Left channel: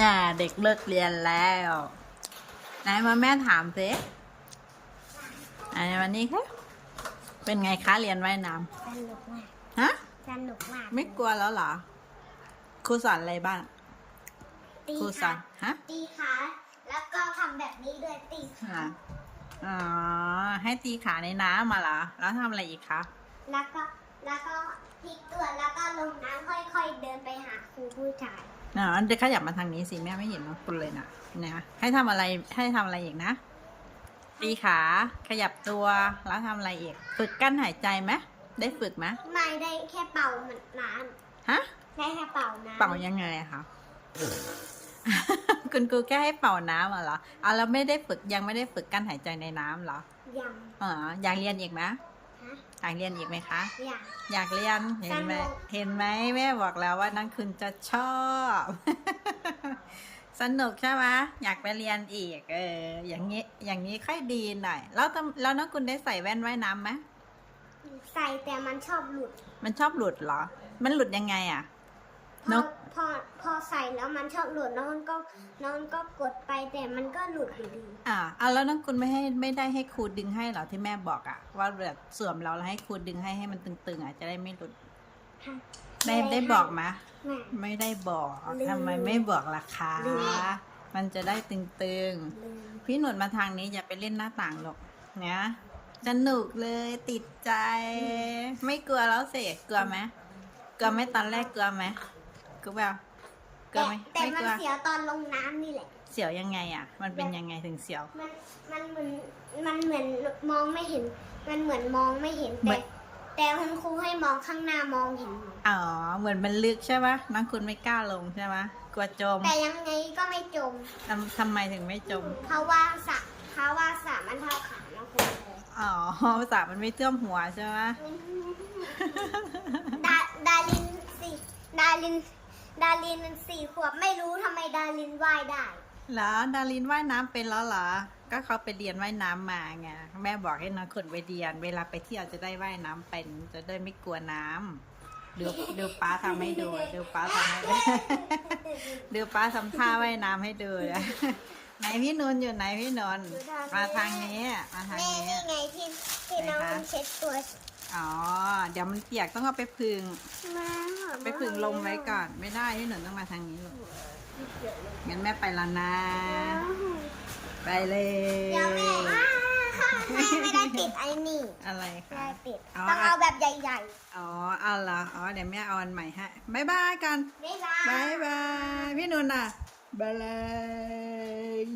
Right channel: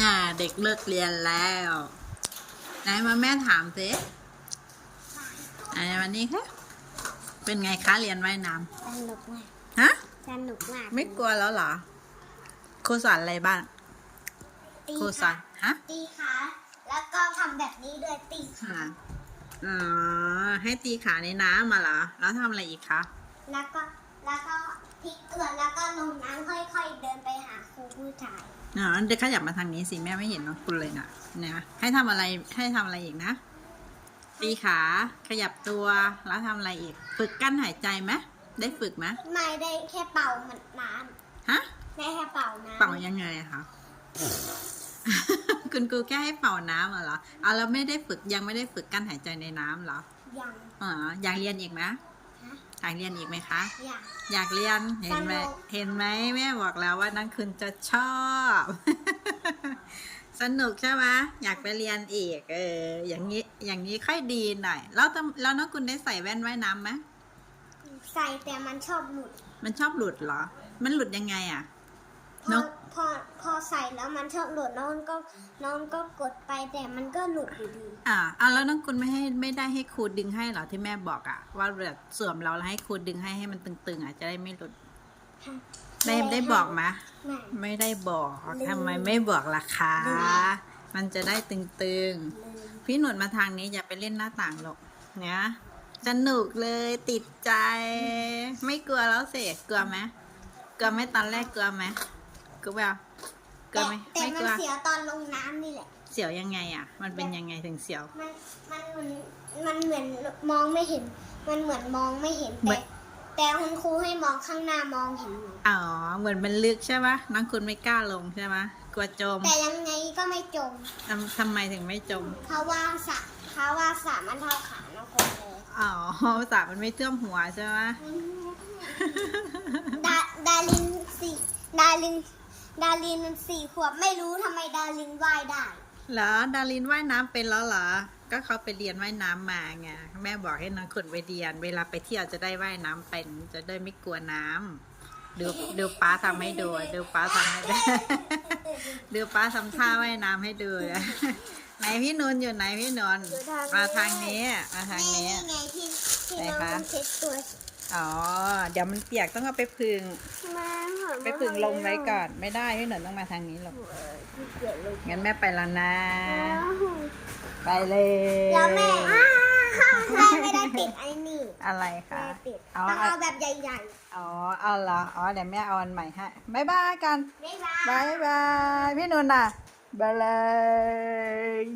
น่ะเด็กเลิกเรียนแล้วไหนมาแม่ถามสิอันวันนี้คะเป็นไงคะเรียนว่ายน้สนุกมากำฮะ สนุกมากไม่กลัวแล้วเหรอ ครูสอนอะไรบ้าง ตีครูสอขานฮะตีขาแล้วก็ทำแบบนี้ด้วยตีขาอ่าอ๋อให้ตีขาในน้ำมาเหรอ แล้วทำอะไรอีกคะ แล้วก็แล้วก็พลิกตัวแล้วก็ลงน้ำค่อยๆ เดินไปหาครูผู้ ชายอ๋อเด็กขยับมาทางนี้สิแม่ไม่เห็นน้องคุณเลยนะนะให้ทำอะไรให้ทำอะไรอีกนะตีขาขยับตัวแล้วทำอะไรอีก ฝึกกั้นหายใจไหมได้ฝึกไหมไม่ได้แค่เป่าเหมือนน้ฮะำได้แค่เป่าน้ำเป่ายังไงอะคะคุณครูแค่ให้เป่าน้ำเหรอเอาแล้วไม่ได้ฝึกยังไม่ได้ฝึกกั้นหายใจในน้ำเหรอยังอ๋ออยากเรียนอีกไหมฮะ อยากเรียนอีกไหมคะยังอยากเรียนเห็นไหมสนุก เห็นไหมแม่บอกแล้วว่านั่นคุณจะชอบ สนุกใช่ไหมอยากไปเรียนอีก เออ อย่างนี้อย่างนี้ค่อยดีหน่อย แล้วทำแล้วน้องคุณได้ใส่แว่นว่ายน้ำไหมใส่แต่มันชอบหลุดมันชอบหลุดเหรอ มันหลุดยังไงอะพนอกพอพอ ใส่แล้วมันชอบหลุดน้องก็น้องก็กดไปแต่มันก็หลุดอยู่ดีอ่าเอาแล้วน้องคุณไม่ให้ไม่ได้ให้ครูดึงให้เหรอที่แม่บอกอะว่าแบบสวมเราแล้วให้ครูดึงให้ให้มันตึงๆอะจะได้ไม่หลุดฮะได้ได้บอกไหมแม่ไม่ได้บอกลืมทำไมไม่บอกล่ะคะลืมมันจะได้ตึงลืมๆพี่หนุนมาทางนี้อย่าไปเล่นหน้าต่างหรอกเนี่ยสนุกเลยติดใจ ไม่กลัวแล้วสิกลัวไหมกลัวไหมตอนแรกกลัวไหมกลัวแบบ กลัวไหมแต่ไม่มักนลัว เสียวตอนลงน้ำนี่แหละ เสียวยังไงอะ มันเป็นยังไงถึงเสียว มันมันเหมือนมันเหมือนมองไม่เห็น มันเหมือนมองไม่เห็นเหมืแต่อน แต่คุณครูให้มองข้างหน้ามองเห็นหมดอ๋อ เหมือนมันลึกใช่ปะน้องคุณไม่กล้าลงใช่ปะกลัวจมแต่ยังไงก็ไม่จม ทำทำไมถึงไม่จม เพราะว่าสระเพราะว่าสระมันเท่าขานะคุณเลยอ๋อภาษามันไม่เทื่อมหัวใช่ไหม ดาดาลินสี่ดาลิน ดาลินสี่ขวบไม่รู้ทำไมดาลินว่ายได้ เหรอดารินว่ายน้ำเป็นแล้วเหรอ ก็เขาไปเรียนว่ายน้ำมาไงแม่บอกให้น้องขุนไปเรียน เวลาไปเที่ยวจะได้ว่ายน้ำเป็น จะได้ไม่กลัวน้ำดูดูป้าทำให้ดูดูป้าทำให้ดู ดูป้าทำท่าว่ายน้ำให้ดูนะไหนพี่นนท์อยู่ไหนพี่นนท์มาทางนี้มาทางนี่นี้ นี่ไงที่ที่ไหนน้องคะ เช็ดตัวอ๋อ เดี๋ยวมันเปียกต้องเอาไปพึ่งมา ไปพึ่งลมไว้ก่อน ไม่ได้พี่นนท์ต้องมาทางนี้หรอกเปียกเลยงั้นแม่ไปแล้วนะ ไปเลยเดี๋ยวแม่อ้าวแม่ไม่ได้ติดไอ้นี่ อะไรคะไม่ได้ติดอ๋อต้องอะเอาแบบใหญ่อ๋อ เอาเหรออ๋อ เดี๋ยวแม่เอาอันใหม่ให้บายบายกันๆไม่ได้บายบาย พี่นุ่นน่ะบายเลย